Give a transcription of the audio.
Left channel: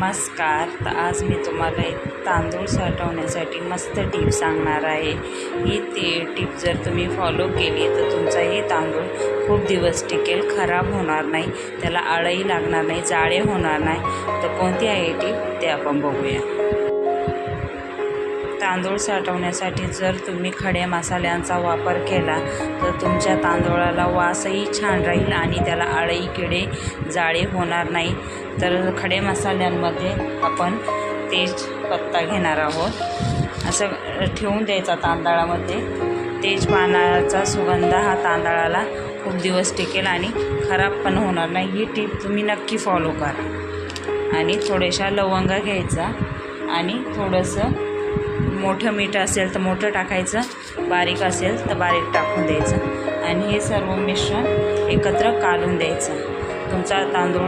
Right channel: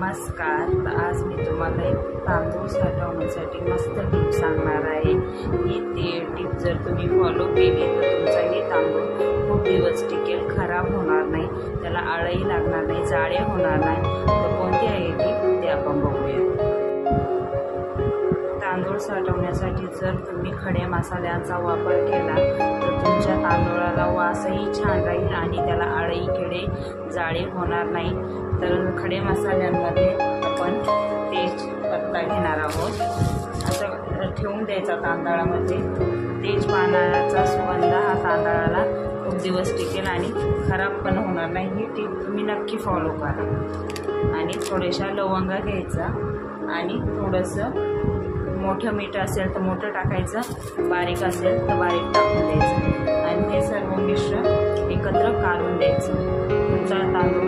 नमस्कार. तर आज मी तुम्हाला एक तांदूळ साठवण्यासाठी मस्त टीप सांगणार आहे. ही ती टीप जर तुम्ही फॉलो केली तर तुमचाही तांदूळ खूप दिवस टिकेल खराब होणार नाही. त्याला आळही लागणार नाही जाळे होणार नाही. तर कोणती आहे टीप ते आपण बघूया. तांदूळ साठवण्यासाठी जर तुम्ही खडे मसाल्यांचा वापर केला तर तुमच्या तांदूळाला वासही छान राहील आणि त्याला आळई किडे जाळे होणार नाही. तर खडे मसाल्यांमध्ये आपण तेज पत्ता घेणार आहोत. असं ठेवून द्यायचा तांदळामध्ये. तेज पानाचा सुगंध हा तांदळाला खूप दिवस टिकेल आणि खराब पण होणार नाही. ही टीप तुम्ही नक्की फॉलो करा. आणि थोड्याशा लवंगा घ्यायचा आणि थोडंसं मोठं मीठ असेल तर मोठं टाकायचं बारीक असेल तर बारीक टाकून द्यायचं. आणि हे सर्व मिश्रण एकत्र काढून द्यायचं. तुमचा तांदूळ